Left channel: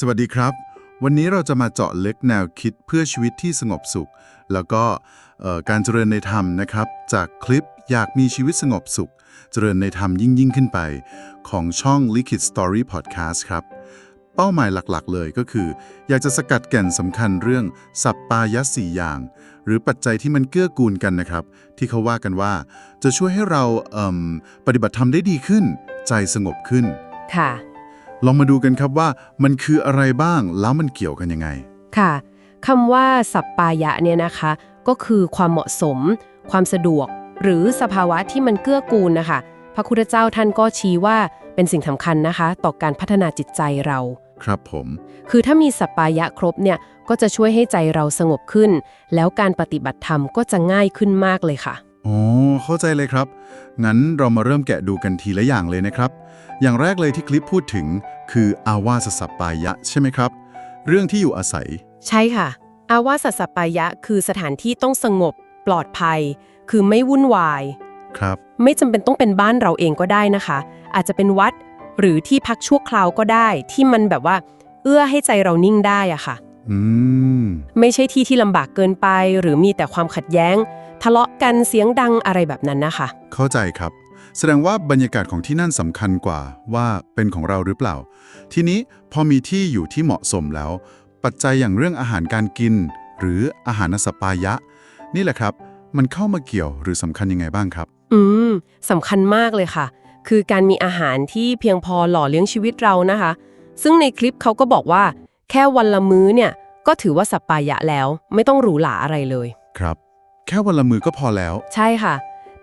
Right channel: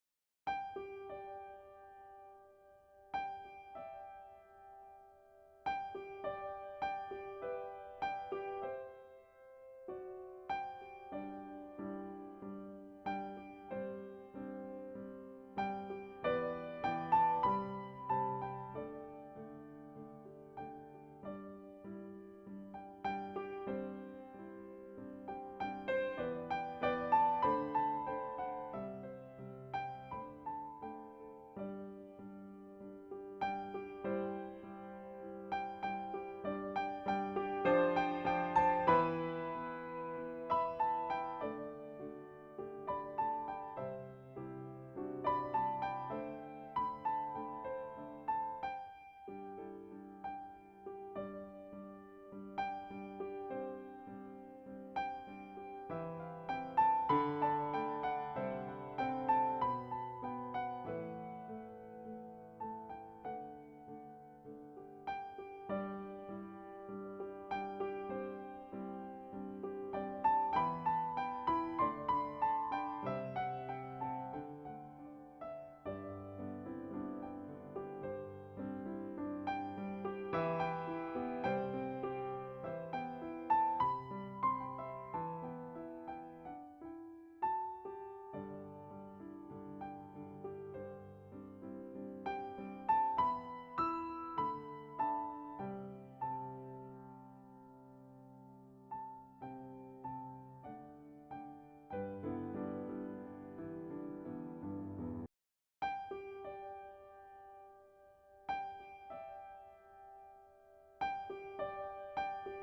สวัสดีครับ วันนี้เราจะมาเจาะลึกแนวคิดเพื่อชีวิตที่สงบสุข แล้วก็การเจริญในธรรมนะครับ จากคลิปอยากมีชีวิตสงบสุข เจริญในธรรมยิ่งยิ่งขึ้นไป ของช่อง Liquid Story Podcast ครับ เป้าหมายหลักๆ เลยก็คือ อยากจะสกัดแก่นสำคัญเรื่องสัปปายะสี่อย่าง หรือปัจจัยที่มันเกื้อกูลกันนะครับ ที่เขาว่ากันว่า จะช่วยให้เราเปฏิบัติธรรมได้ดีขึ้น ใจสงบขึ้นค่ะ ลองมาดูกันครับว่ามันคืออะไรบ้างแล้วมันเกี่ยวกันยังไง ค่ะคำว่าสัปปายะเนี่ยนะคะ ก็คือความเหมาะสม ความสะดวก หรือสภาวะที่มันเกื้อกูลนะคะ พระคุณเจ้าท่านก็ชี้ว่าเป็นสิ่งสำคัญนะคะ ต่อการพัฒนาจิตใจเรา ครับผม คือถ้ามีสัปปายะครบเนี่ยก็จะช่วยให้ใจเราสงบขึ้น แล้วการปฏิบัติธรรมก็จะง่ายขึ้นมากเลยค่ะอ๋อเข้าใจเลยครับ งั้นเรามาเริ่มแกะดูกันทีละอย่างเลยนะครับ อย่างแรกเลยที่คลิปพูดถึง คืออาวาสสัปปายะ ใช่ไหมครับ เรื่องที่อยู่อาศัย ใช่ค่ะ อาวาสสัปปายะ คือสถานที่ต้องสงบ ปลอดภัย คือไม่วุ่นวาย ครับ ไม่จำเป็นต้องเป็นบ้านเราเองก็ได้นะคะ อาจจะเป็นวัดหรือที่พักชั่วคราวก็ได้ ที่มันแบบว่า เอื้อให้ใจเรานิ่งได้อะค่ะอืมไม่ใช่ที่ที่ลำบากเกินไป หรือมีแต่ความขัดแย้ง ทะเลาะกันเสียงดังอะไรแบบนั้นนะคะ เข้าใจครับ แสดงว่าบรรยากาศของที่นั่นสำคัญกว่าว่าเป็นของเราหรือเปล่า ทีนี้พอมีที่อยู่ที่เหมาะสมแล้ว ปัจจัยอย่างเรื่องอาหารการกิน หรืออาหารสปายะ นี่แหละครับ มันเข้ามาเกี่ยวหรือสำคัญยังไงบ้างครับ อืมสำคัญมากเลยค่ะ คือการมีอาหารที่เพียงพอหล่อเลี้ยงชีวิตเรานะคะ ซึ่งในคลิปเขาก็บอกว่า แค่วันละมื้อเนี่ย ก็ถือว่าสัปปายะแล้ว ไม่ต้องหรูหราอะไรเลย ครับ แค่วันละมือก็พอแล้ว ใช่ค่ะ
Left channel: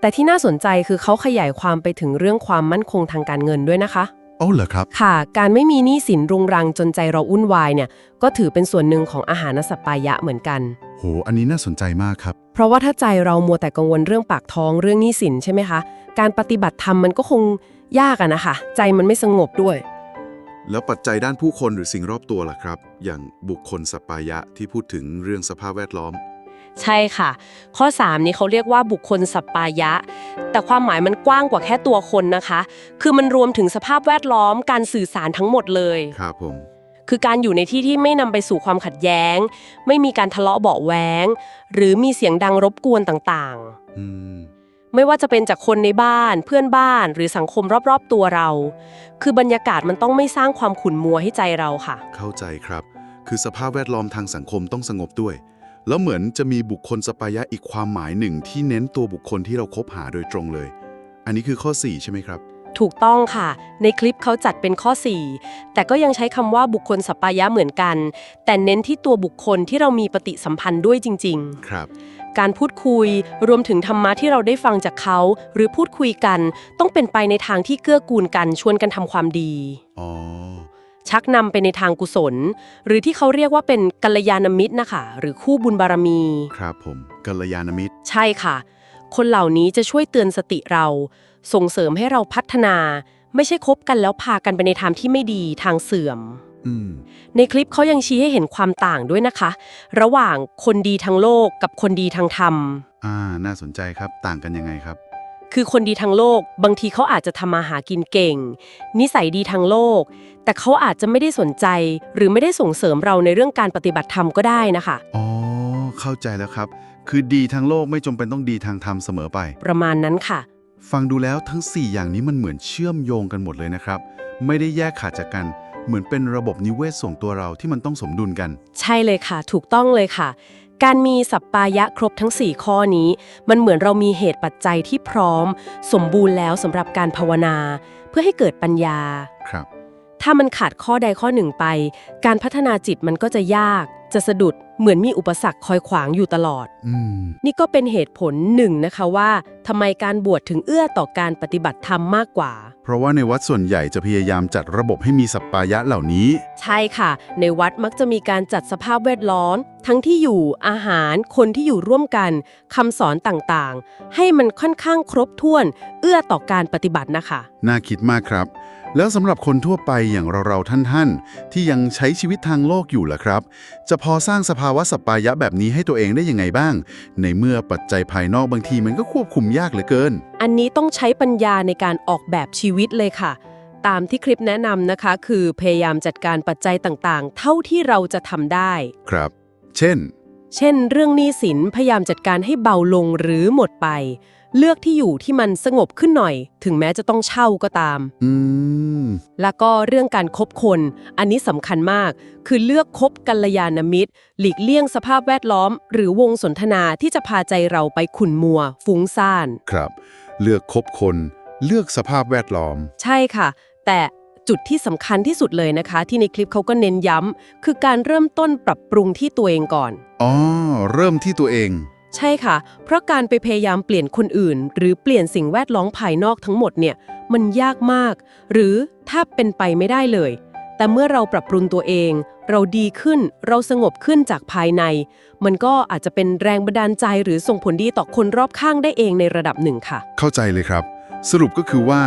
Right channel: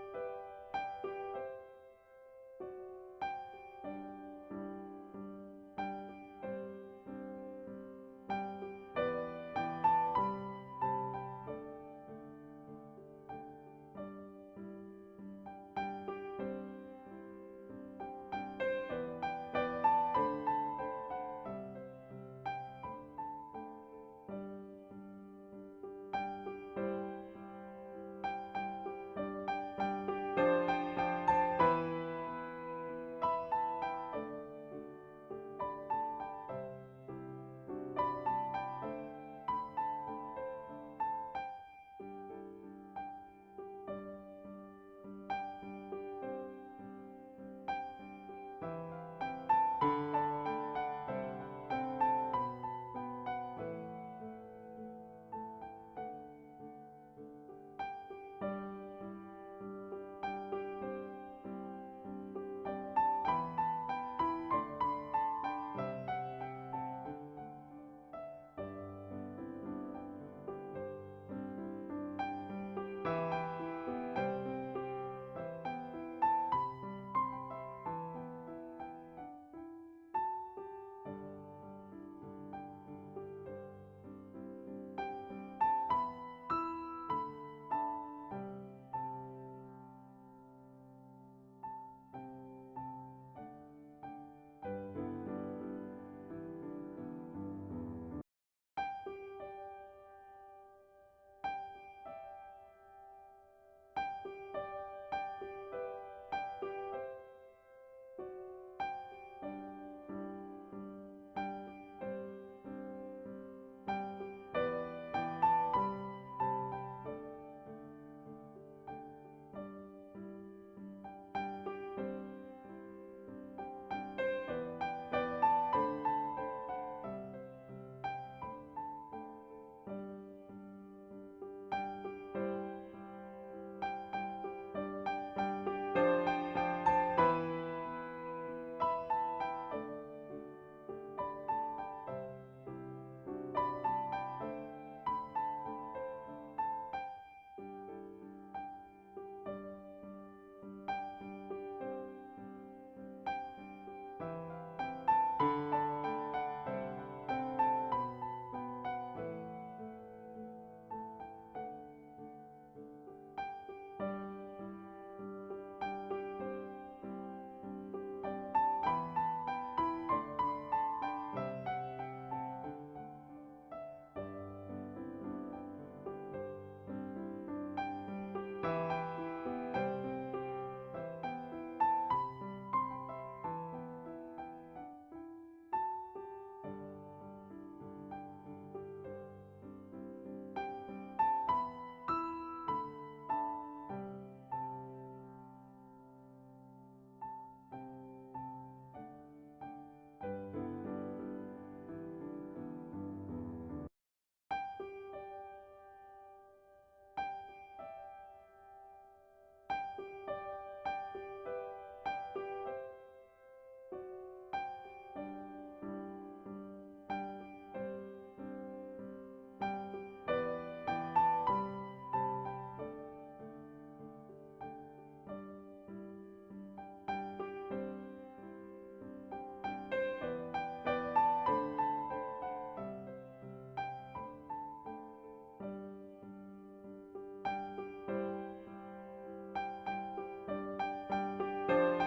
แต่ที่น่าสนใจคือเขาขยายความไปถึงเรื่องความมั่นคงทางการเงินด้วยนะคะโอ้เหรอครับ ค่ะ การไม่มีหนี้สินรุงรังจนใจเราวุ่นวายเนี่ย ก็ถือเป็นส่วนหนึ่งของอาหารสัปปายะเหมือนกัน โห อันนี้น่าสนใจมากครับ เพราะว่าถ้าใจเรามัวแต่กังวลเรื่องปากท้องเรื่องหนี้สินใช่ไหมคะ การปฏิบัติธรรมมันก็คงยากอะนะคะ ใจมันไม่สงบด้วย แล้วปัจจัยด้านผู้คนหรือสิ่งรอบตัวล่ะครับ อย่างบุคคลสปายะที่พูดถึงเรื่องสภาพแวดล้อม ใช่ค่ะ ข้อ 3 นี้เขาเรียกว่าบุคคลสัปปายะ แต่ความหมายมันกว้างกว่าแค่ตัวคนนะคะ คือมันรวมถึงสภาพแวดล้อมการสื่อสารทั้งหมดเลย ครับผม คือการอยู่ในที่ที่ไม่นำไปสู่ความขัดแย้ง ไม่มีการทะเลาะเบาะแว้งหรือมีเสียงดังรบกวนต่างอืมๆไม่ว่าจะเป็นจากคนในบ้าน เพื่อนบ้านหรือสังคมรอบๆตัวเรา คือบรรยากาศมันต้องไม่สร้างความขุ่นมัวให้ใจเราค่ะ เข้าใจครับ คือสภาพแวดล้อมทางสังคมต้องสงบด้วย แล้วเหมือนจะมีบุคคลสปายะอีกความหมายหนึ่งที่เน้นตัวบุคคลที่เราคบหาโดยตรงเลย อันนี้คือข้อ 4 ใช่ไหมครับ ถูกต้องค่ะ ในคลิปเขาจัดเป็นข้อ 4 แต่ก็ยังใช้คำว่าบุคคลสัปปายะเหมือนกัน แต่เน้นที่ตัวบุคคลที่เรามีปฏิสัมพันธ์ด้วยจริงครับๆการพูดคุยรวมถึงธรรมะที่เราได้ฟังจากเขา หรือพูดคุยกัน ต้องเป็นไปในทางที่เกื้อกูลกันชวนกันทำความดี อ๋อ ชักนำไปในทางกุศล หรือที่เขาเรียกว่าเป็นกัลยาณมิตรนะคะหรือคู่บุญบารมี ครับผมกัลยาณมิตร ใช่ค่ะ คนเหล่านี้จะช่วยเตือนสติเรา ส่งเสริมให้เราพัฒนา ไม่ใช่คบกันแล้วพากันไปในทางที่ไม่ดีทางเสื่อม อืม ในคลิปเขายังชี้ให้เห็นความต่างด้วยนะคะ ระหว่างคนดีทางโลกกับคนดีทางธรรม อ่า น่าสนใจครับ ต่างกันยังไงครับ คือคนดีทางโลกบางทีเขาอาจจะทำมาหากินเก่ง นิสัยดีทางโลก แต่เขาอาจจะไม่ได้สนใจ หรือไม่ได้ส่งเสริมเราในเรื่องการปฏิบัติธรรมก็ได้นะคะ อ๋อ เข้าใจแล้วครับ คือดีทางโลกไม่จำเป็นต้องดีทางธรรมเสมอไป ประมาณนั้นค่ะ ฟังดูแล้วทั้ง 4 อย่างนี้มันเหมือนเชื่อมโยงกันหมดเลยนะครับ ไม่ได้แยกขาดจากกัน เหมือนเป็นระบบนิเวศส่วนตัวเราที่มันต้องสมดุลกัน ใช่เลยค่ะ ถูกต้องเลยค่ะ การมีสัปปายะครบทั้ง 4 ข้อนี้ มันเหมือนเรามีเหตุปัจจัยที่พร้อม สมบูรณ์แล้วสำหรับการภาวนา เพื่อให้เกิดปัญญา ครับ ถ้ามันขาดข้อใดข้อหนึ่งไป การพัฒนาจิตมันก็จะยาก จะสะดุดเหมือนมีอุปสรรคคอยขวางอยู่ตลอด อืม นี่ก็เป็นเหตุผลหนึ่งนะคะว่าทำไมการบวชถึงเอื้อต่อการปฏิบัติธรรมมากกว่าเพ ราะว่าในวัดส่วนใหญ่จะพยายามจัดระบบให้มีสัปปายะเหล่านี้ ใช่ค่ะ ในวัดมักจะมีการจัดสภาพแวดล้อม ทั้งที่อยู่อาหาร คนที่อยู่ร่วมกันคำสอนต่างๆ ให้มันค่อนข้างครบถ้วน เอื้อต่อการปฏิบัตินะคะ น่าคิดมากครับ แล้วสำหรับคนทั่วไปอย่างเราๆท่านๆ ที่ยังใช้ชีวิตทางโลกอยู่ล่ะครับ จะพอสร้างสภาวะสัปปายะแบบนี้ให้ตัวเองได้ยังไงบ้าง ในเมื่อปัจจัยภายนอกบางทีมันก็ควบคุมยากเหลือเกิน อันนี้ต้องใช้ปัญญาในการออกแบบชีวิตเลยค่ะ ตามที่คลิปแนะนำนะคะ คือพยายามจัดการปัจจัยต่างๆ เท่าที่เราจะทำได้ ครับ เช่น เช่น เรื่องหนี้สินพยายามจัดการให้เบาลงหรือหมดไป เลือกที่อยู่ที่มันสงบขึ้นหน่อย ถึงแม้จะต้องเช่าก็ตาม อืม แล้วก็เรื่องการคบคน อันนี้สำคัญมาก คือเลือกคบกัลยาณมิตร หลีกเลี่ยงสภาพแวดล้อม หรือวงสนทนาที่จะพาใจเราไปขุ่นมัว ฟุ้งซ่าน ครับ เลือกคบคน เลือกสภาพแวดล้อม ใช่ค่ะ แต่จุดที่สำคัญที่สุดเลยนะคะ ที่ในคลิปเขาก็เน้นย้ำคือการเริ่มต้นปรับปรุงที่ตัวเองก่อน อ๋อ เริ่มที่ตัวเอง ใช่ค่ะ เพราะการไปพยายามเปลี่ยนคนอื่น หรือเปลี่ยนสิ่งแวดล้อมภายนอกทั้งหมดเนี่ยมันยากมาก หรือถ้าเป็นไปไม่ได้เลย แต่เมื่อเราปรับปรุงตัวเอง เราดีขึ้นเราสงบขึ้นจากภายใน มันก็อาจจะเป็นแรงบันดาลใจหรือส่งผลดีต่อคนรอบข้างได้เองในระดับหนึ่งค่ะ เข้าใจเลยครับ สรุปก็คือว่า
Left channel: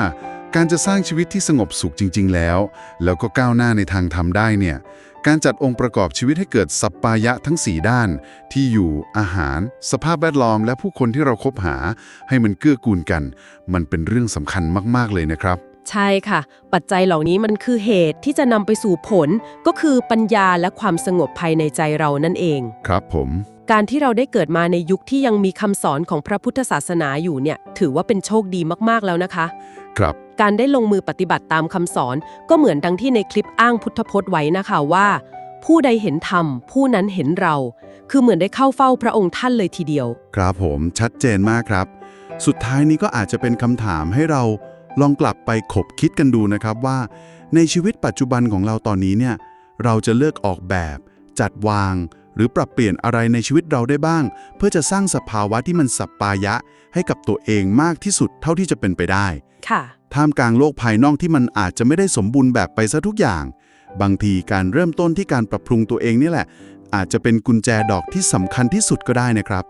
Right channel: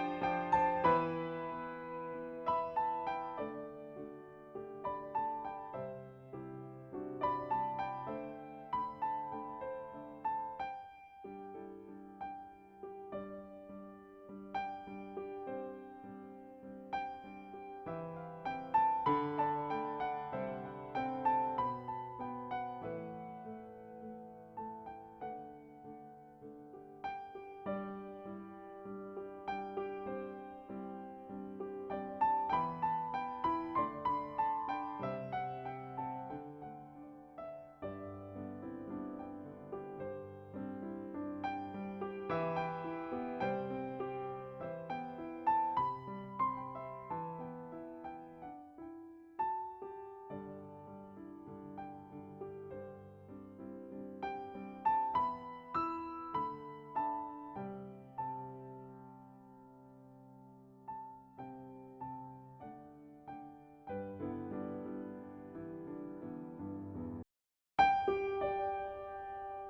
การจะสร้างชีวิตที่สงบสุขจริง ๆ แล้ว แล้วก็ก้าวหน้าในทางธรรมได้เนี่ย การจัดองค์ประกอบชีวิตให้เกิดสัปปายะทั้ง 4 ด้าน ที่อยู่อาหาร สภาพแวดล้อม และผู้คนที่เราคบหา ให้มันเกื้อกูลกัน มันเป็นเรื่องสำคัญมาก ๆ เลยนะครับ ใช่ค่ะ ปัจจัยเหล่านี้มันคือเหตุที่จะนำไปสู่ผล ก็คือปัญญาและความสงบภายในใจเรานั่นเอง ครับผม การที่เราได้เกิดมาในยุคที่ยังมีคำสอนของพระพุทธศาสนาอยู่เนี่ย ถือว่าเป็นโชคดีมากๆแล้วนะคะ ครับการได้ลงมือปฏิบัติตามคำสอนก็เหมือนดังที่ในคลิปอ้างพุทธพจน์ไว้นะคะว่า ผู้ใดเห็นธรรม ผู้นั้นเห็นเรา คือเหมือนได้เข้าเฝ้าพระองค์ท่านเลยทีเดียว ครับผมชัดเจนมากครับ สุดท้ายนี้ก็อาจจะเป็นคำถามให้เราลองกลับไปขบคิดกันดูนะครับว่า ในชีวิตปัจจุบันของเราตอนนี้เนี่ยเราจะเลือกออกแบบ จัดวาง หรือปรับเปลี่ยนอะไรในชีวิตเราได้บ้าง เพื่อจะสร้างสภาวะที่มันสัปปายะให้กับตัวเองมากที่สุดเท่าที่จะเป็นไปได้ค่ะ ท่ามกลางโลกภายนอกที่มันอาจจะไม่ได้สมบูรณ์แบบไปซะทุกอย่าง บางทีการเริ่มต้นที่การปรับปรุงตัวเองนี่แหละ อาจจะเป็นกุญแจดอกที่สำคัญที่สุดก็ได้นะครับ